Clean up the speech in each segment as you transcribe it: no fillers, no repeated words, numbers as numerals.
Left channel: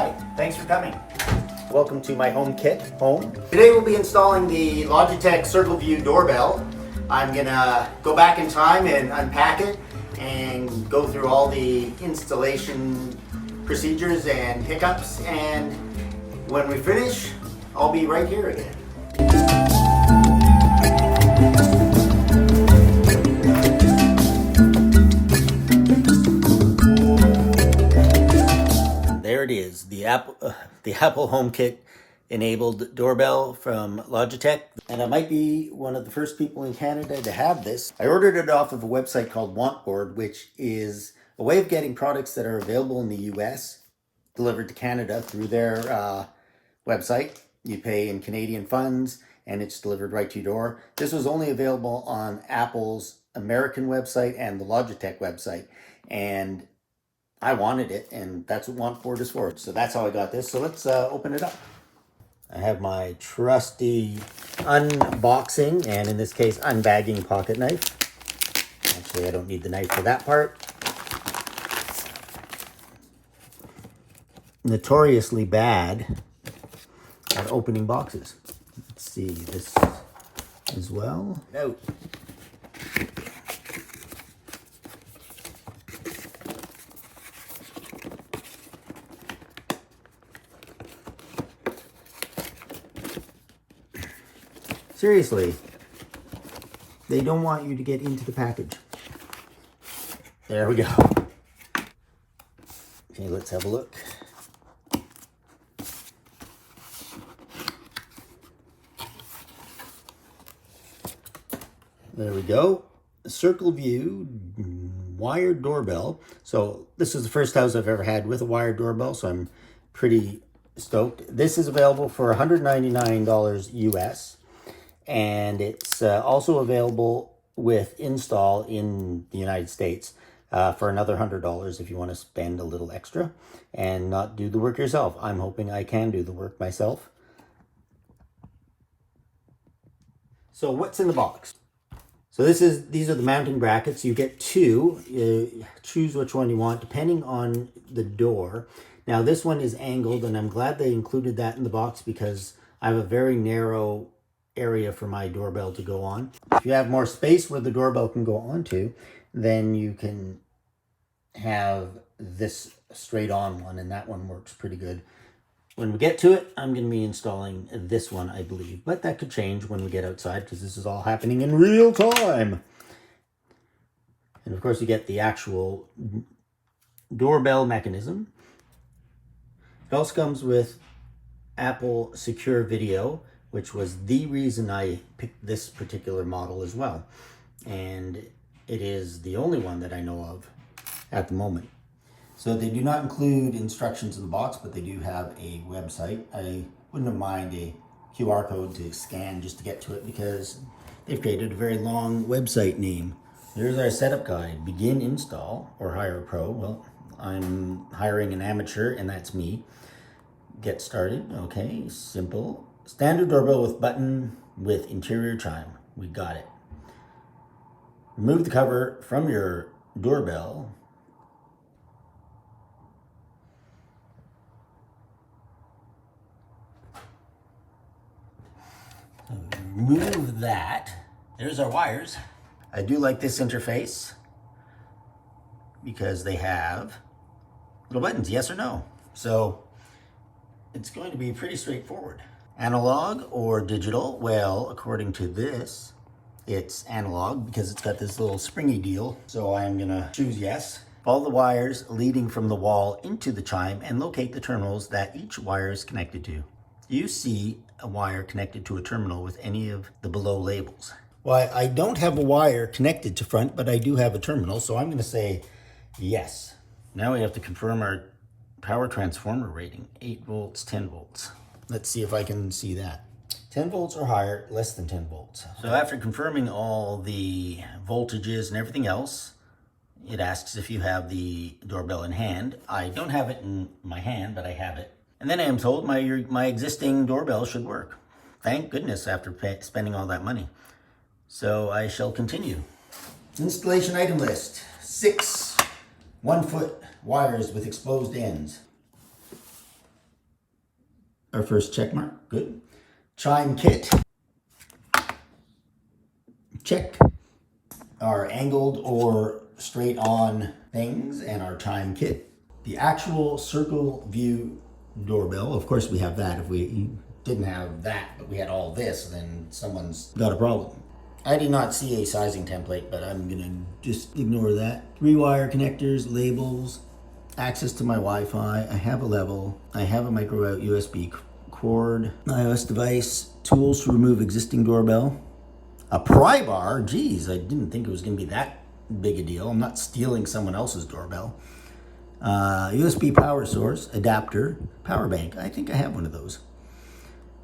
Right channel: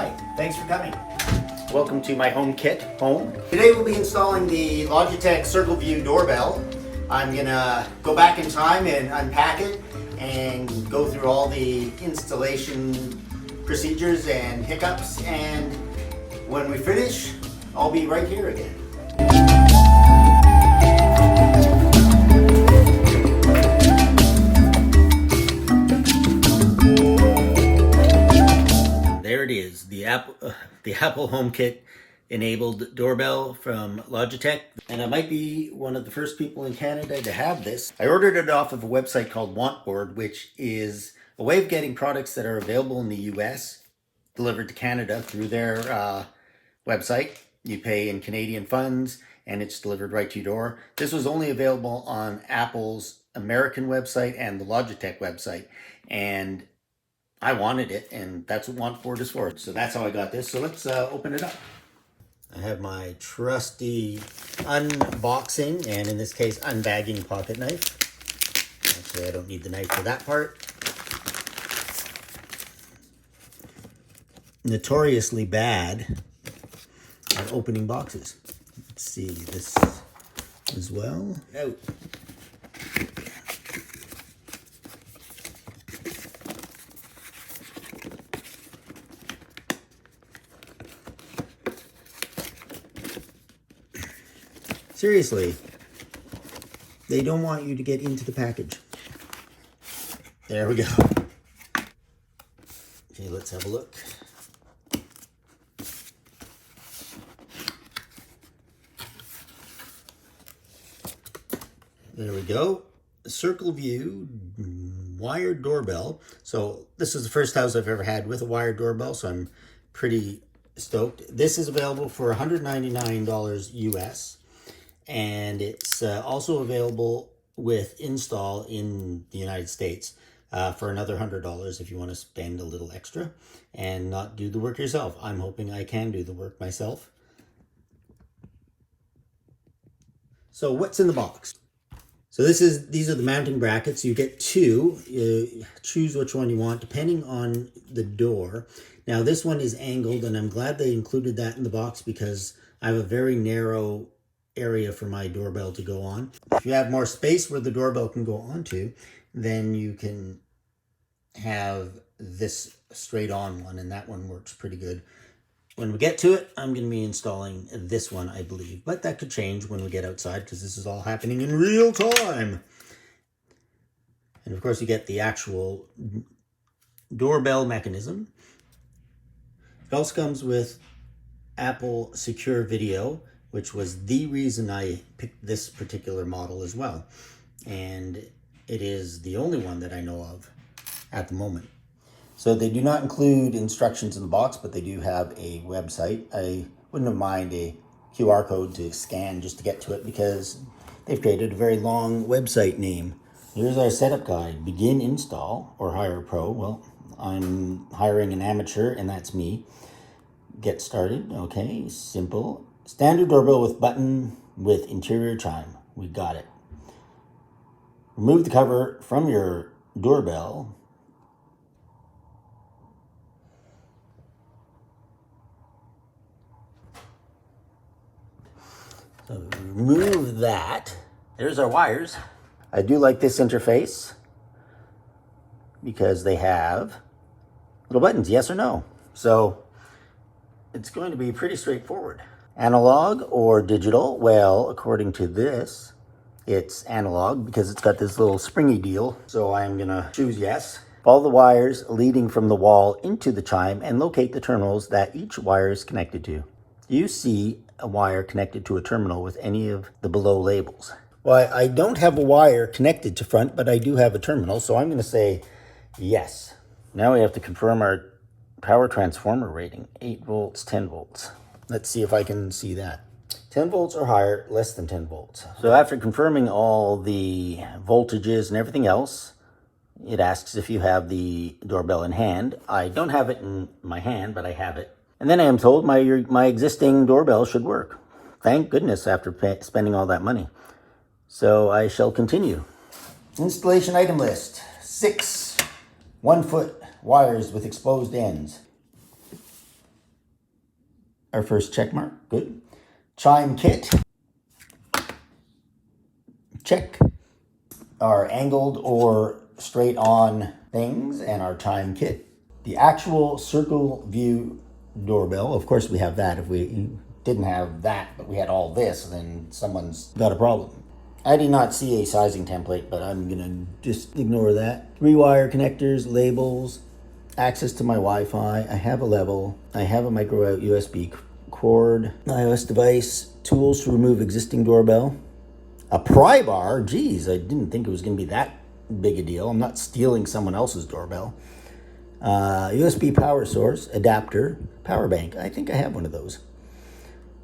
Hi, thanks for coming. Welcome to my HomeKit home. Today we'll be installing the Logitech CircleView doorbell. I'm gonna go back in time and unpack it and go through all the installation procedures and hiccups, and when we finish, I'll be right here again. There it is, the Apple HomeKit enabled doorbell from Logitech, and I might be one of the first people in Canada to have this. I ordered it off of a website called WantBoard, which is a way of getting products that are available in the US delivered to Canada through their website. You pay in Canadian funds and it's delivered right to your door. This was only available on Apple's American website and the Logitech website, and I wanted it, and that's what WantBoard is for. So that's how I got this. So let's open it up. I have my trusty unboxing, and in this case, unbagging pocket knife. Actually, I don't need the knife for that part. Notoriously bad at opening boxes. Let's see this as well. No. Seriously, they don't want you to get into the package. There we go. Okay, let's have a look. There we go. CircleView wired doorbell. So this is the first house I've ever had with a wired doorbell, so I'm pretty stoked. This is available for $199 US. And it's also available with install in the United States for another $100 if you want to spend a little extra and not do the work yourself. I'm hoping I can do the work myself. So what's in the box? So these are the mounting brackets. You get two. You choose which one you want depending on the door. Now this one is angled, and I'm glad they included that in the box because I have a very narrow area for my doorbell to go on. If you have more space where the doorbell can go onto, then you can have this straight on one, and that one works pretty good. When we get to it, I'm going to be installing this one, I believe, but that could change when we get outside because this is all happening in real time. And of course you get the actual doorbell mechanism. It also comes with Apple Secure Video, which was the reason I picked this particular model as well. And it is the only one that I know of at the moment. So they do not include instructions in the box, but they do have a website. I wouldn't mind a QR code to scan just to get to it because they've created a very long website name. Here's our setup guide. Begin install or hire a pro. Well, I'm hiring an amateur and that's me. Get started. Okay, simple. Standard doorbell with button with interior chime. We got it. Remove the cover from your doorbell. So remove that. There's our wires. I do like this interface because they have little buttons, yes or no. So it's going to be pretty straightforward. Analog or digital? Well, according to this, it's analog because it's got this little springy deal. So I'm gonna choose yes. Follow the wires leading from the wall into the chime and locate the terminals that each wire is connected to. Do you see a wire connected to a terminal with any of the below labels? Well, I don't have a wire connected to front, but I do have a terminal, so I'm gonna say yes. Now we have to confirm our power transformer rating, 8 volts, 10 volts. Let's see if I can see that. 10 volts or higher, less than 10 volts. So after confirming all the voltages and everything else, it asks if you have the doorbell in hand. I don't have it in my hand, but I have it. And then I am told my existing doorbell should work. Thank goodness after spending all that money. So I shall continue. Installation item list. 6 1-foot wires with exposed ends. Our first check mark, good. Chime kit, check. Our angled or straight on things and our chime kit. The actual CircleView doorbell, of course we have that. If we didn't have that, but we had all this, then someone's got a problem. I did not see a sizing template, but I'm gonna just ignore that. 3-wire connectors, labels, access to my Wi-Fi. I have a level. I have a micro out USB cord, iOS device, tools to remove existing doorbell, a pry bar. Geez, I didn't think it was gonna be that big a deal. I'm not stealing someone else's doorbell. USB power source, adapter, power bank. I think I have one of those.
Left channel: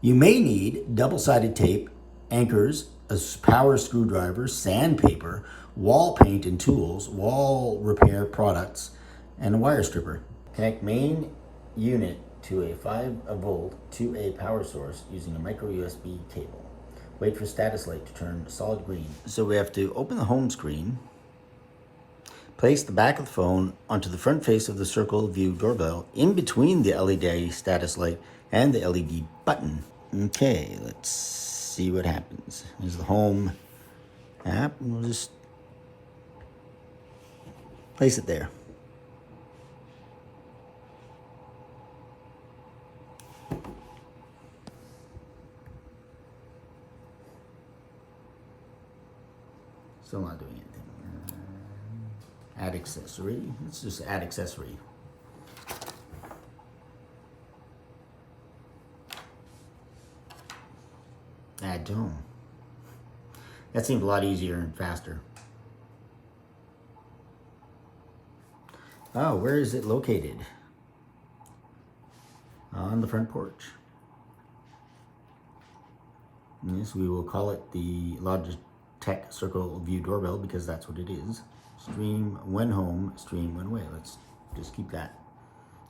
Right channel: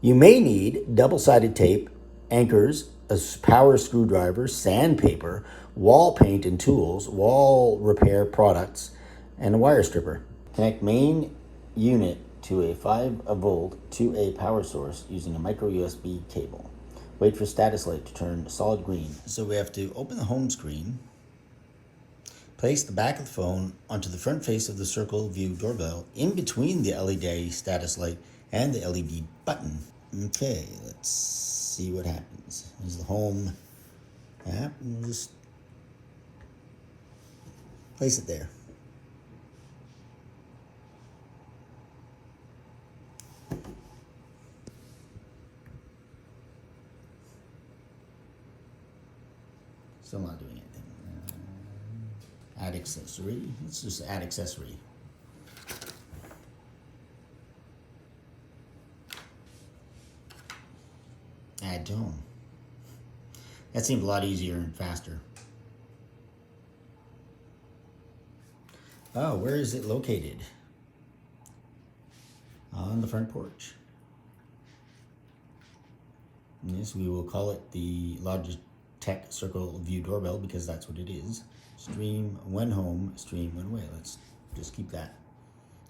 You may need double-sided tape, anchors, a power screwdriver, sandpaper, wall paint and tools, wall repair products, and a wire stripper. Connect main unit to a 5-volt to a power source using a micro USB cable. Wait for status light to turn solid green. So we have to open the home screen, place the back of the phone onto the front face of the CircleView doorbell in between the LED status light and the LED button. Okay, let's see what happens. Here's the home app. We'll just place it there. Still not doing anything. Add accessory. Let's just add accessory. Add to home. That seemed a lot easier and faster. Oh, where is it located? On the front porch. Yes, we will call it the Logitech CircleView doorbell because that's what it is. Stream when home, stream when away. Let's just keep that.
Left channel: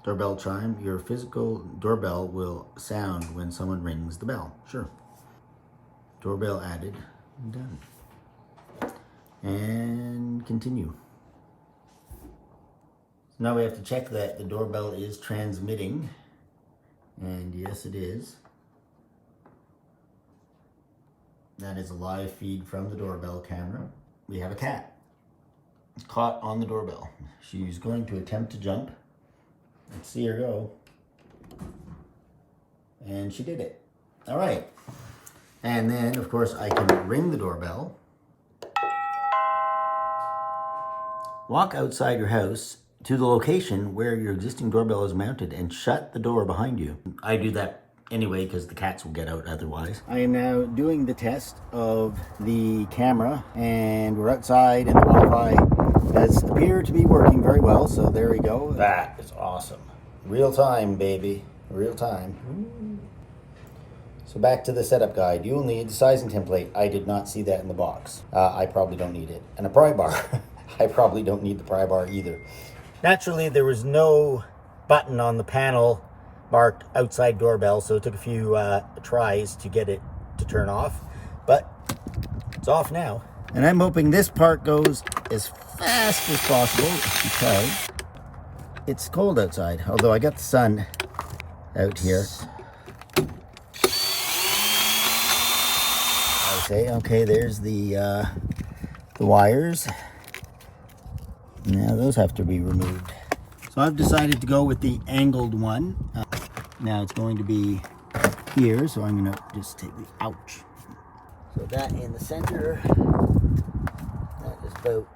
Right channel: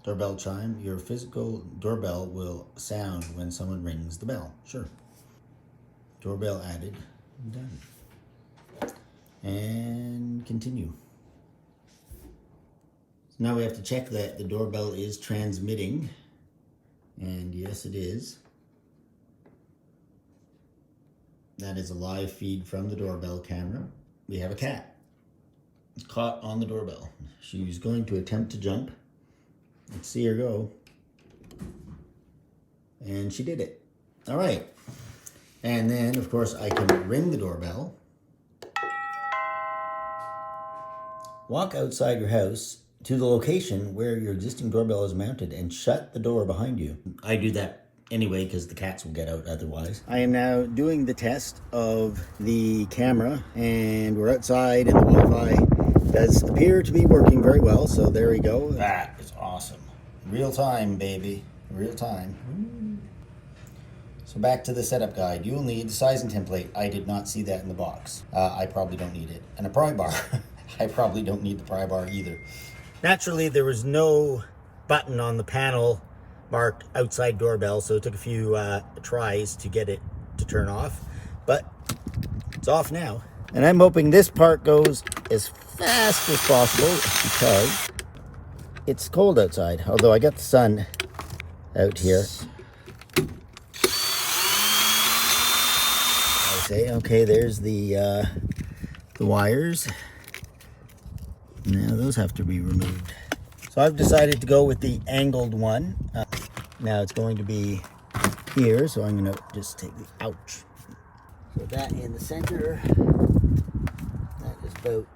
Doorbell chime. Your physical doorbell will sound when someone rings the bell. Sure. Doorbell added. Done. And continue. So now we have to check that the doorbell is transmitting. And yes, it is. That is a live feed from the doorbell camera. We have a cat. It's caught on the doorbell. She's going to attempt to jump. Let's see her go. And she did it. All right. And then, of course, I can ring the doorbell. Walk outside your house to the location where your existing doorbell is mounted and shut the door behind you. I do that anyway because the cats will get out otherwise. I am now doing the test of the camera and we're outside and the Wi-Fi does appear to be working very well. So there we go. That is awesome. Real time, baby. Real time. So back to the setup guide. You will need the sizing template. I did not see that in the box. I probably don't need it. And a pry bar. I probably don't need the pry bar either. Naturally, there was no button on the panel marked outside doorbell, so it took a few tries to get it to turn off, but it's off now. And I'm hoping this part goes as fast as possible because it's cold outside, although I got the sun out here. I say, okay, there's the wires. Now those have to be removed. So I've decided to go with the angled one. Now it's going to be here, so I'm gonna just take the ouch. So that in the center, that is about,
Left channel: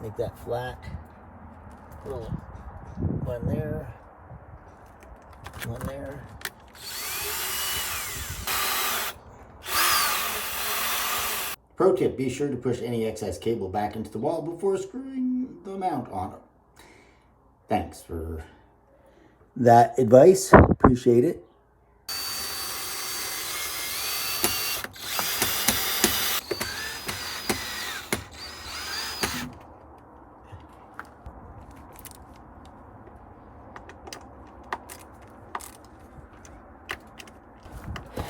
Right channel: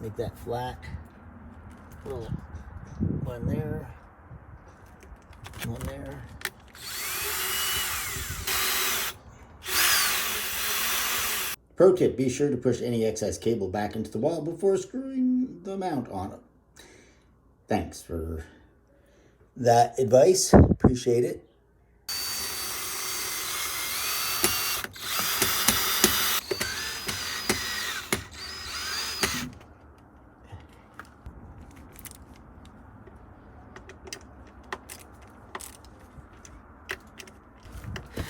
make that flat. Little one there, one there. Pro tip, be sure to push any excess cable back into the wall before screwing the mount on it. Thanks for that advice. Appreciate it.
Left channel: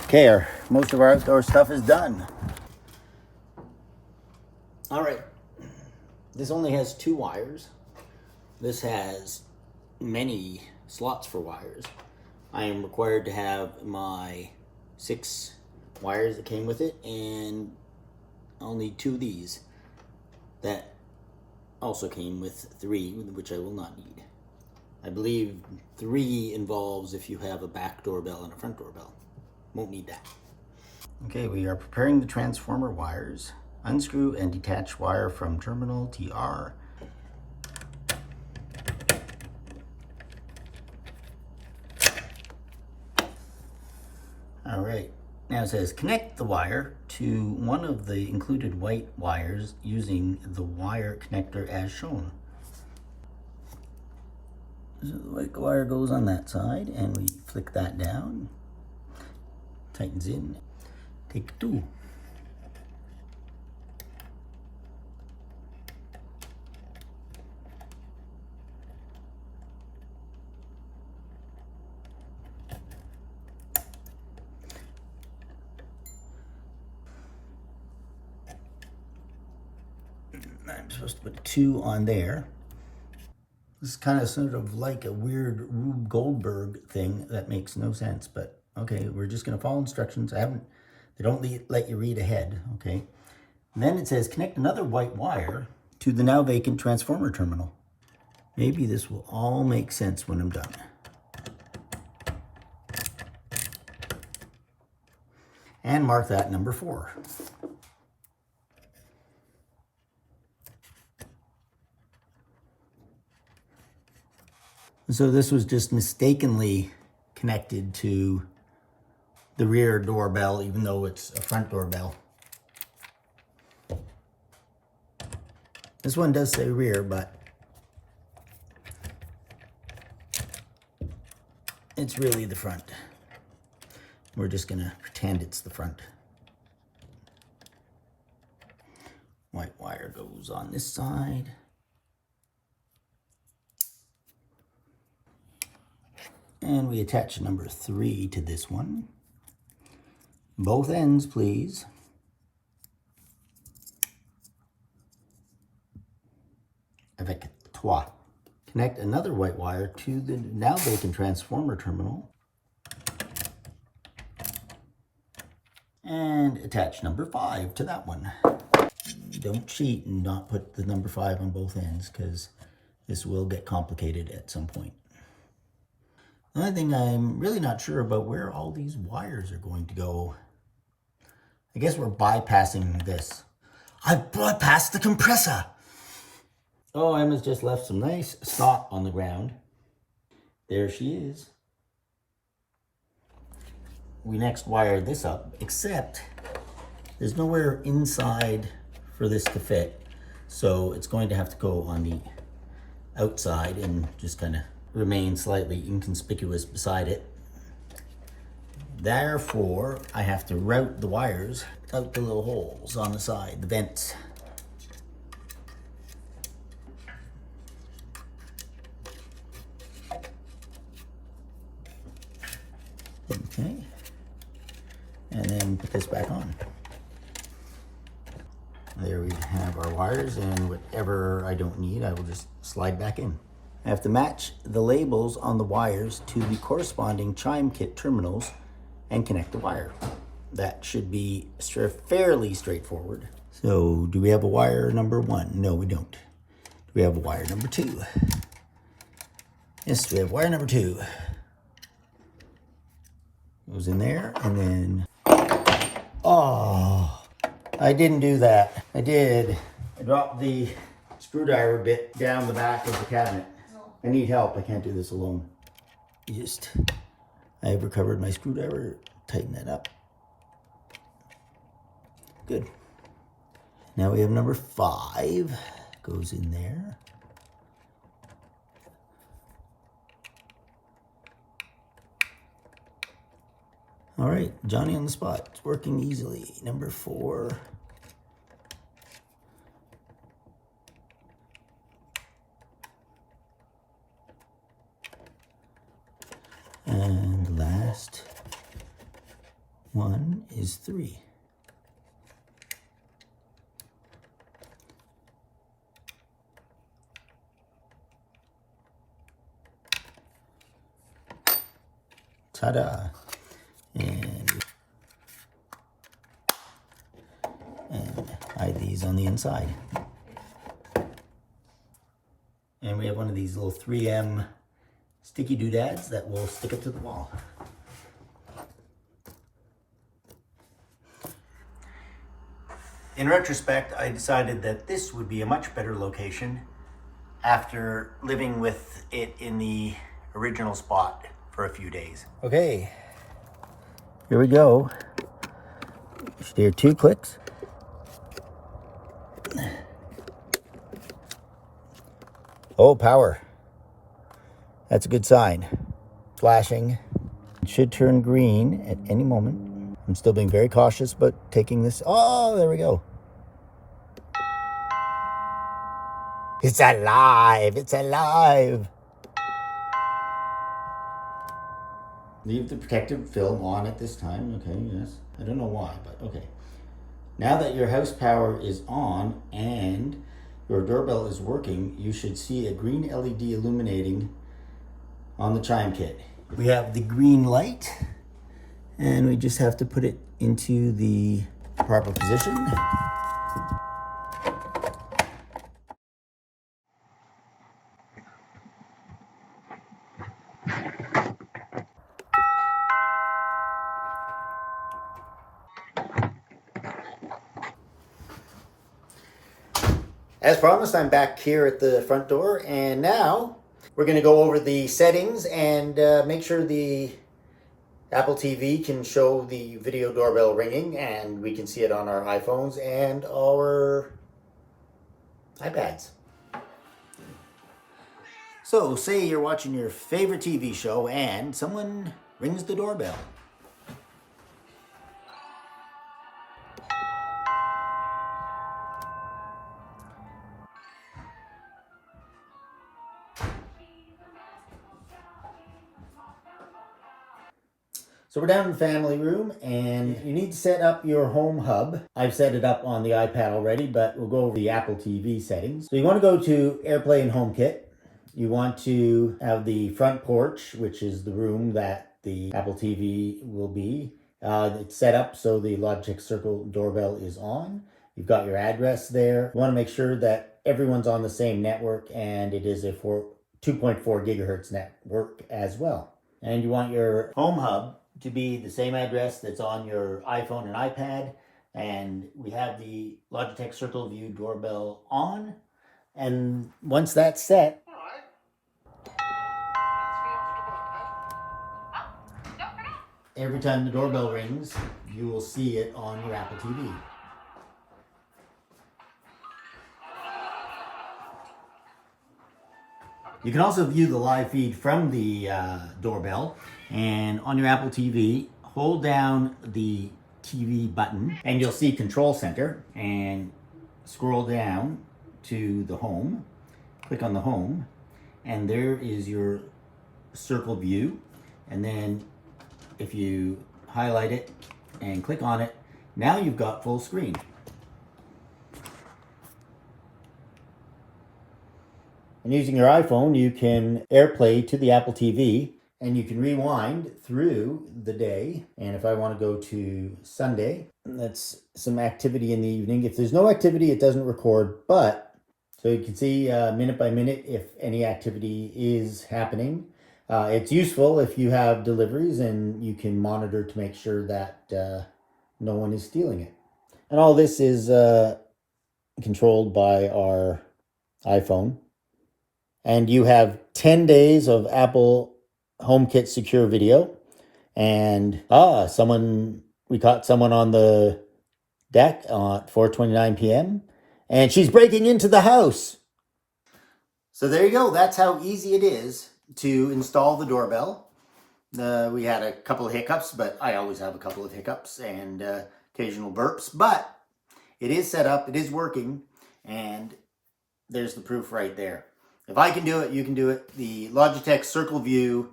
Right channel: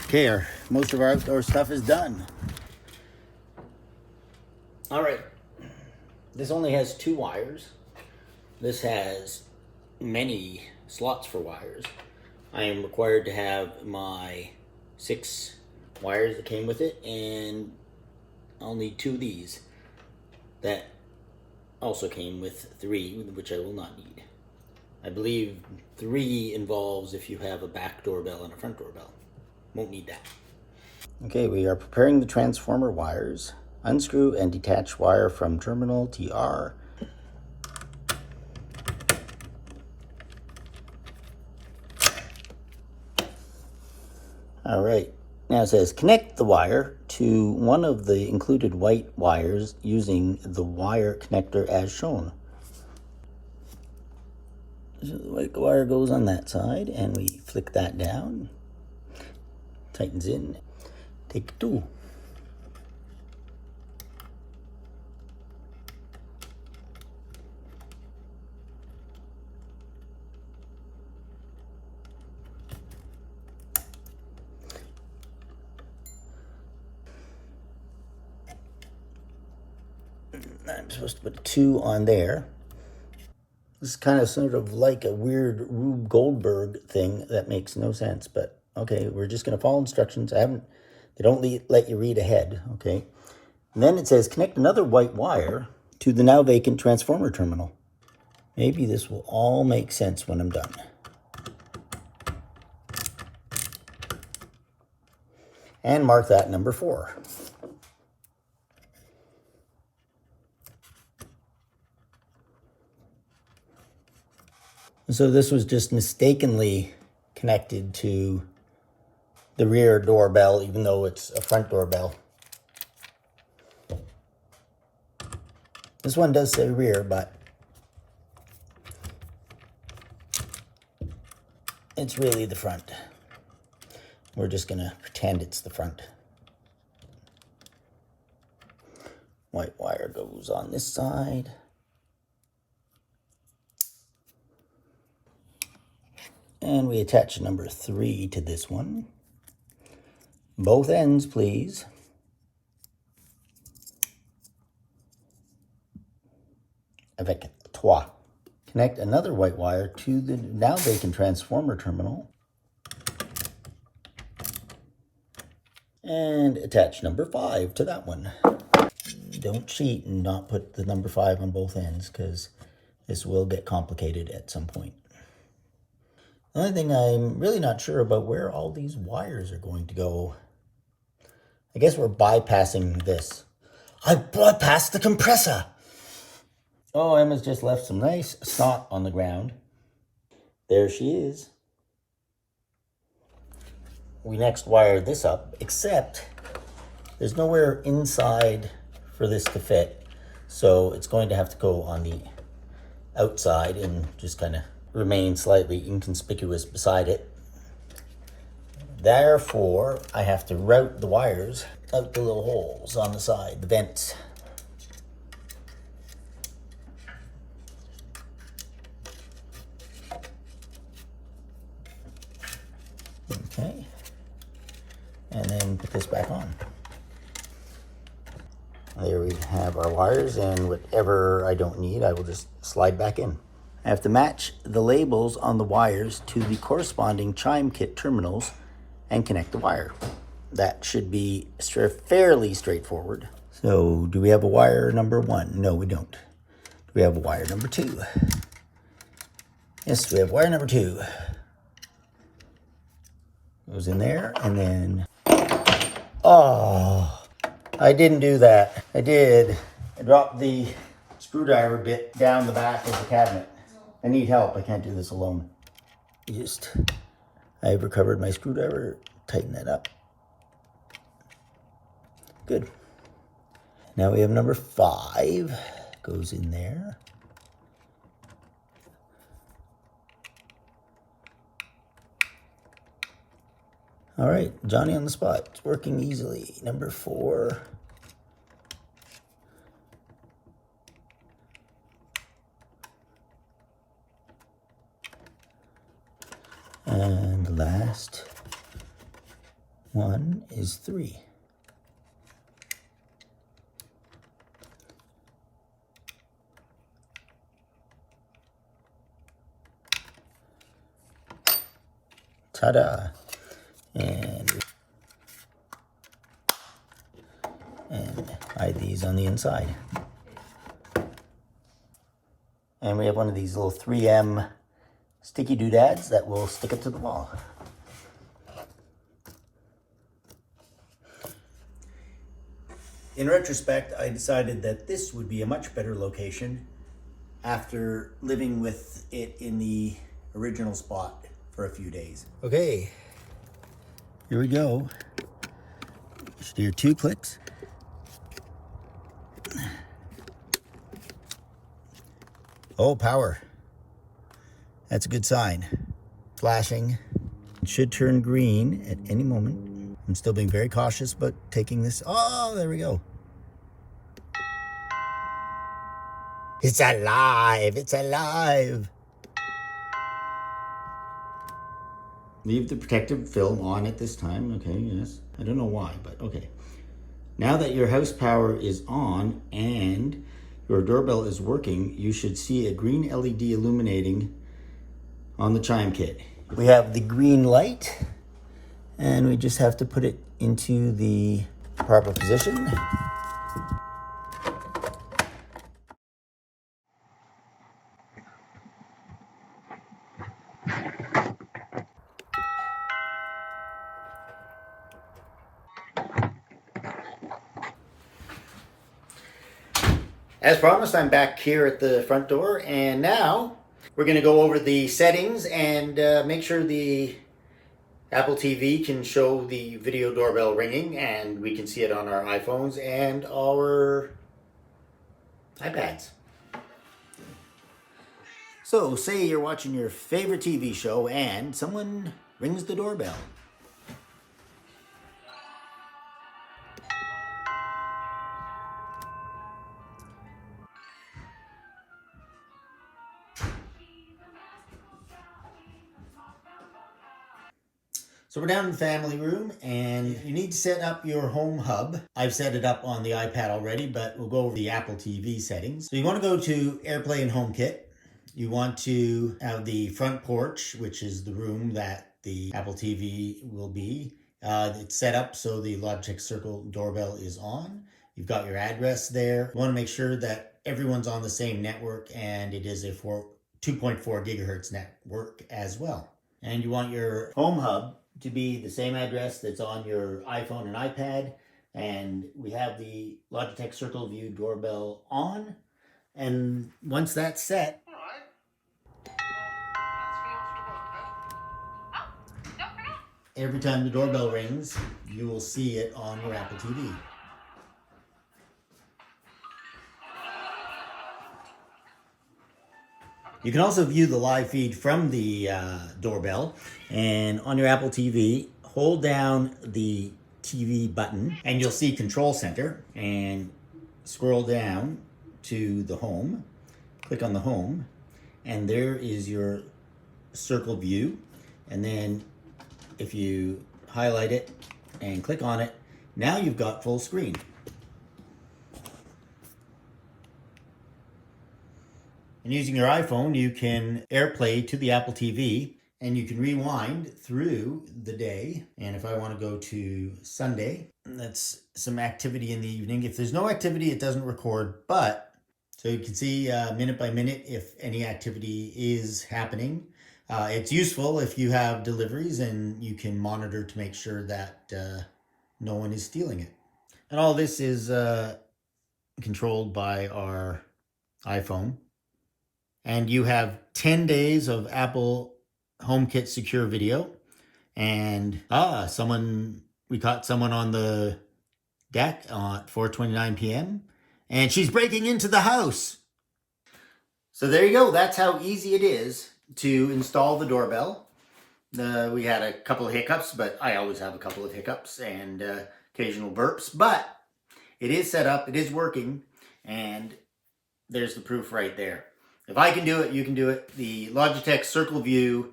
Okay, most of our outdoor stuff is done. All right, this only has 2 wires. This has many slots for wires. I am required to have my 6 wires that came with it, and I'll need 2 of these that also came with 3, which I will not need. I believe 3 involves if you have a back doorbell and a front doorbell. Won't need that. Okay, we are preparing the transformer wires. Unscrew and detach wire from terminal TR. All right, now it says connect the wire to one of the included white wires using the wire connector as shown. So the white wire goes on that side, and we flick that down, tightens in, take 2. I'm supposed to put a 2 on there. This is kind of sort of like a weird Rube Goldberg thing that makes no sense, but okay, we're just going to follow instructions. They don't let you read ahead, okay? And then it says connect another white wire to the now vacant transformer terminal. Maybe this will all make sense when I'm done. And mark that number 4. So this was just mistakenly connected to the rear doorbell, even though it's a front doorbell. This one does say rear, but it's really the front. We're just gonna pretend it's the front. White wire goes on this side. And we attach number 3 to this one. Both ends, please. Avec toi. Connect another white wire to the now vacant transformer terminal. And attach number 5 to that one. Don't cheat and not put the number 5 on both ends, because this will get complicated at some point. The only thing I'm really not sure about where all these wires are going to go. I guess we're bypassing this. I bypassed the compressor. Oh, Emma's just left some nice snot on the ground. There she is. We next wire this up, except there's nowhere inside for this to fit. So it's going to have to go on the outside and just kind of remain slightly inconspicuous beside it. Therefore, I have to route the wires out the little holes on the side, the vents. Okay. And then put this back on. There we have our wires, and whatever I don't need, I will just slide back in. I have to match the labels on the wires to the corresponding chime kit terminals and connect the wire. That should be fairly straightforward. So do we have a wire number 1? No, we don't. Do we have a wire number 2? Yes, we have wire number 2. Goes in there, and then, oh, I didn't do that. I did. I dropped the screwdriver bit down the back of the cabinet. I need help. I can't do this alone. I've recovered my screwdriver. Tighten that up. Good. Now we have number 5. Goes in there. All right, Johnny on the spot. It's working easily. Number 4. And the last one is 3. Ta-da. And hide these on the inside. And we have one of these little 3M sticky doodads that will stick it to the wall. In retrospect, I decided that this would be a much better location after living with it in the original spot for a few days. Okay, here we go. You should hear 2 clicks. Oh, power. That's a good sign. Flashing. It should turn green at any moment. I'm still being very cautious, but taking this. Oh, there we go. It's alive. It's alive. Leave the protective film on at this time. Okay, yes. I don't know why, but okay. Now that your house power is on and your doorbell is working, you should see a green LED illuminating on the chime kit. We have the green light, and we just have to put it into the proper position. As promised, I'm back here at the front door, and now we're going to go over the settings and make sure the Apple TV can show the video doorbell ringing, and we can see it on our iPhones and our iPads. So, say you're watching your favorite TV show and someone rings the doorbell. So we're down in the family room, and you need to set up your home hub. I've set it up on the iPad already, but we'll go over the Apple TV settings. So you want to go to AirPlay and HomeKit. You want to have the front porch, which is the room that the Apple TV will be. It's set up so the Logitech Circle doorbell is on. You've got your address there. You want to make sure that everyone's on the same network, and it is a 2.4 gigahertz network as well. And you want your home hub to be the same address that's on your iPhone and iPad. And we have the Logitech CircleView doorbell on. And once that's set, every time the doorbell rings, you will see it on your Apple TV. You can also view the live feed from the doorbell, and on your Apple TV, hold down the TV button and you'll see Control Center, and scroll down to the home, click on the home, and there is your Circle View. And then if you highlight it and click on it, now you've got full screen. And using your iPhone, you can AirPlay to the Apple TV, and you can rewind through the day. And if I want to go to Sunday, that's some activity in the evening. If there's no activity, it doesn't record, but so you can see minute by minute if any activity is happening. It's useful if you have deliveries, and you can monitor to make sure that no one is stealing it. And all this is controlled by our iPhone. And you have 10 days of Apple HomeKit secure video. And we caught someone on the deck at 4:29 p.m. and she's breaking into the house. So there you go. That's how easy it is to install the doorbell. We had a couple of hiccups, but I always have a couple of hiccups and occasional burps. But it is set up, it is working, and there's the proof right there. If I can do it, you can do it. The Logitech CircleView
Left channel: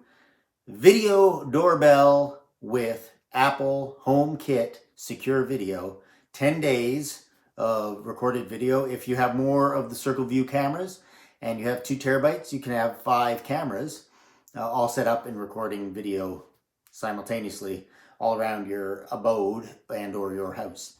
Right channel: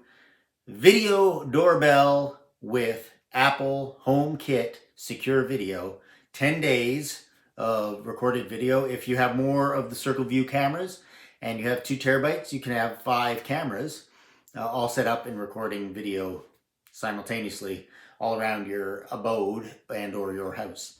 video doorbell with Apple HomeKit secure video. 10 days of recorded video. If you have more of the CircleView cameras and you have 2 terabytes, you can have 5 cameras all set up and recording video simultaneously all around your abode and or your house.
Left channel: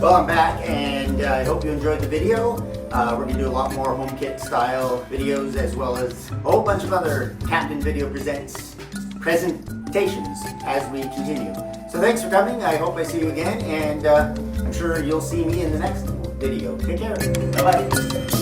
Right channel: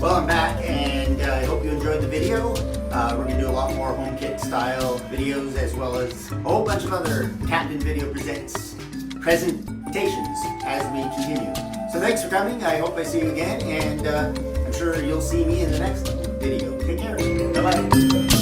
Well, I'm back, and I hope you enjoyed the video. We're going to do a lot more HomeKit style videos, as well as a whole bunch of other Captain Video Presents presentations as we continue. So thanks for coming. I hope I see you again, and I'm sure you'll see me in the next video. Take care. Bye-bye.